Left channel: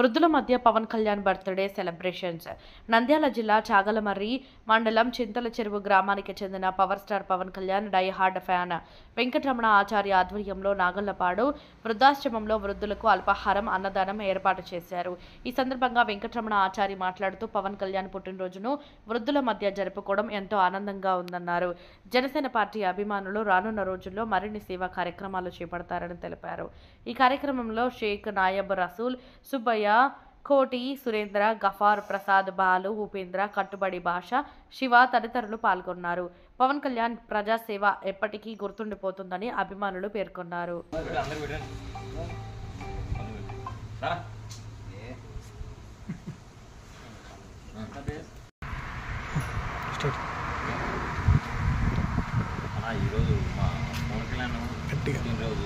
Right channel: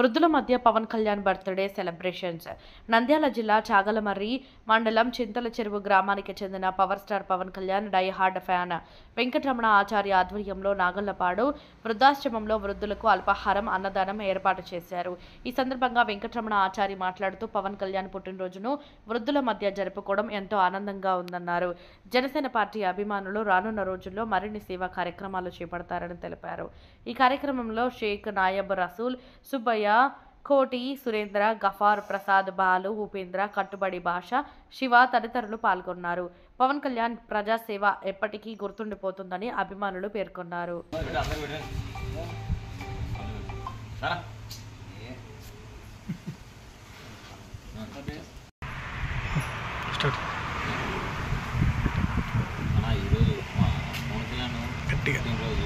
వృద్ధుల మధ్య Pawan Kalyan birthday celebrations. Nandyal జిల్లా చాగలమర్రి మండలం చింతల చెరువు గ్రామానికి చెందిన power star Pawan Kalyan die hard fan Venkataramana Acharya ఆధ్వర్యంలో నాగళ్లపాడు వృద్ధాశ్రమంలో వృద్ధులకు అల్పాహారం అన్నదానం ఏర్పాటు చేశారు. ఈ సందర్భంగా వెంకటరమణ ఆచార్య మాట్లాడుతూ పవన్ కళ్యాణ్ పుట్టినరోజును వృద్ధుల మధ్య జరుపుకోవడం ఎంతో ఆనందంగా ఉందన్నారు. జనసేన పార్టీ అభిమానులు రానున్న రోజుల్లో మరిన్ని సేవా కార్యక్రమాలు చేపడతారని తెలిపారు. ఈ కార్యక్రమంలో షేక్ నాయబ్ రసూల్, సుబ్బయ్య, కోటి, సురేంద్ర, గఫార్, ప్రసాద్, బాలు, ఉపేంద్ర, కట్టుబడి భాష, శివ తదితరులు పాల్గొన్నారు. పవన్ కళ్యాణ్ ప్రజాసేవ ఎప్పటికీ గుర్తుండిపోతుందని అభిమానులు పేర్కొన్నారు. ఈరోజు మా పవన్ కళ్యాణ్ పుట్టినరోజు.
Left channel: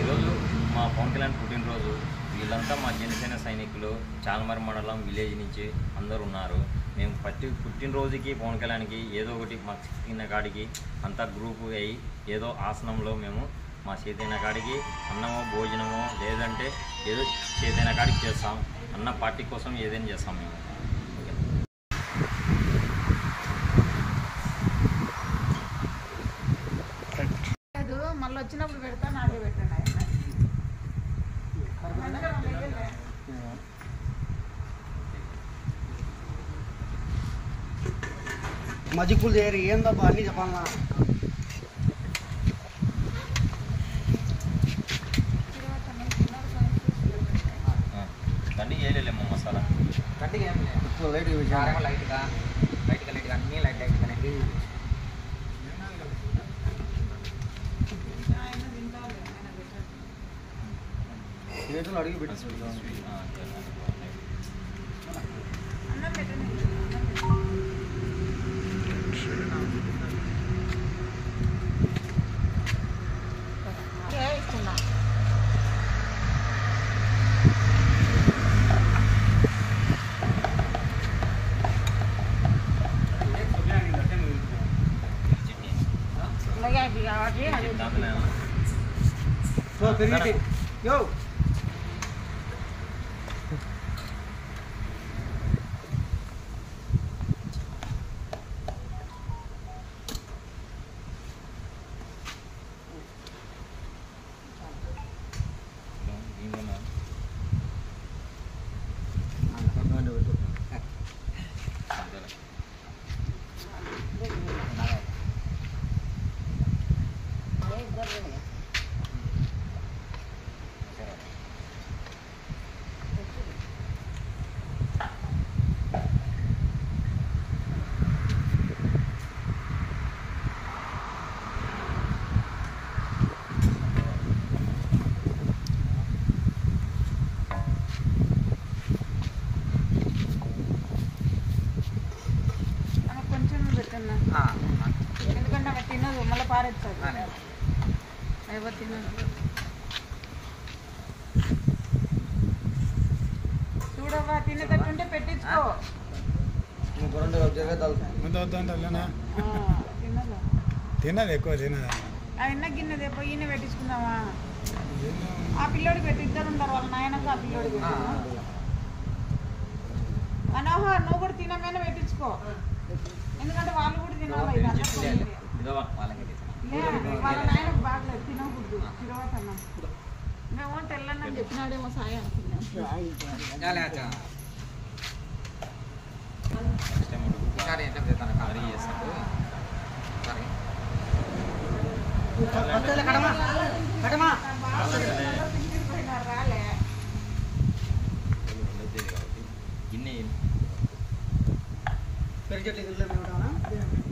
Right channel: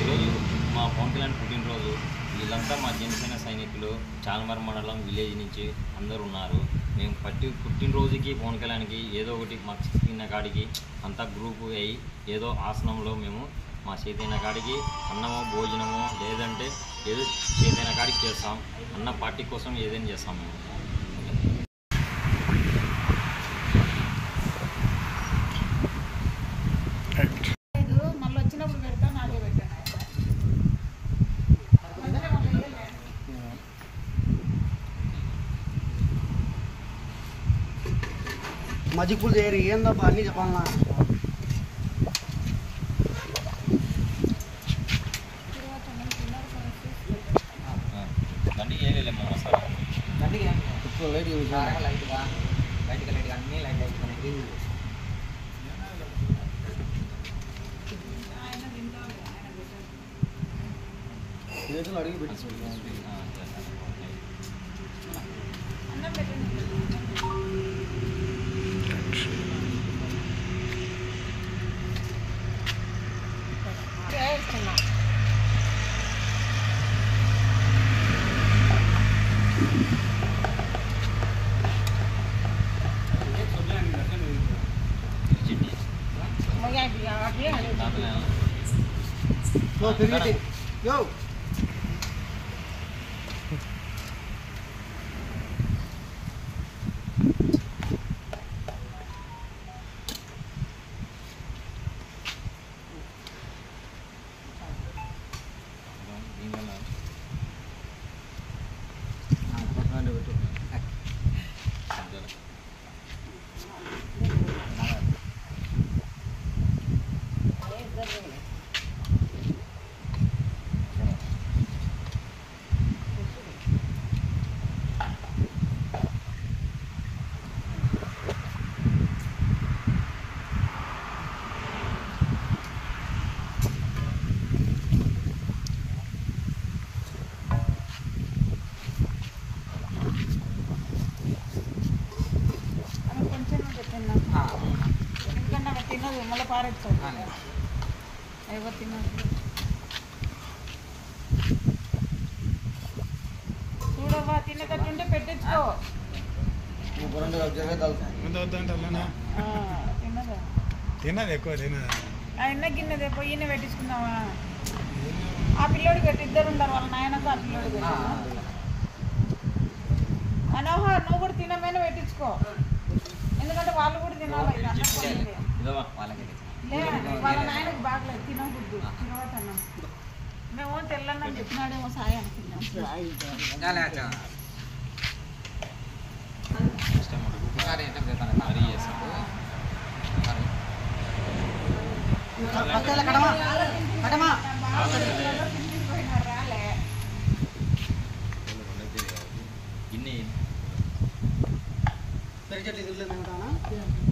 ఈరోజు మా పవన్ కళ్యాణ్ పుట్టినరోజు. వీళ్ళంతా మా జనసేన సైనికులు చాగలమర్రి మండలం విలేజ్ నుంచి అందరు ఉన్నారు. మేము పుట్టినరోజుకి పవన్ కళ్యాణ్కి ఏదో ఒకటి మాకు చేతిన కాడికి అంతా గ్రూపు అయ్యి ఏదో ఆసనంలో మేము మా చేతిన కాడికి అన్నమో భోజనమో లేదంటే ఏదో చేతిన కాడికి చేస్తాం. అన్న పార్టీ కోసం ఏదైనా చేస్తాం మేము. మళ్ళీ వచ్చినప్పుడు పెడతా, నాకే పెట్టండి. మజిక్ పూల్ చేయరు ఏందబ్బా అన్నీ చెప్పాలన్నా. దండికి వేయలేము మసాలా. దండికి ఏం లైట్గా లైట్గా అన్నీ లైట్గానే చేతులు అడిగి పెట్టి yo ఎందుకంటే అవి తినదు, మళ్ళీ పారేస్తుంది. ఎవరు తినదు. చూడవా, తినేటట్టుంటే పెట్టించుకో. తినదు ఎక్కువ తినదు. ఎన్న గిన్నె పొయ్యిని పెట్టించుకుందావా? ఆ పిల్లోడికి పెట్టి ఇద్దరు ఉంటారు, వాళ్ళ నాయనకు ఆ పిల్లోడికి. మనోహర్, నువ్వు కూడా తినమైనా పెట్టించుకో. ఎందుకంటే వాళ్ళు కూడా తినాలి. వాళ్ళ నాయనకు బాగలేదు, తినబుద్ది. తినవద్దన్నా మేము తెల్లన్నని చెప్పినాడేమో సాయం అనుకున్నాం. గిన్నె పెరిగేట్లు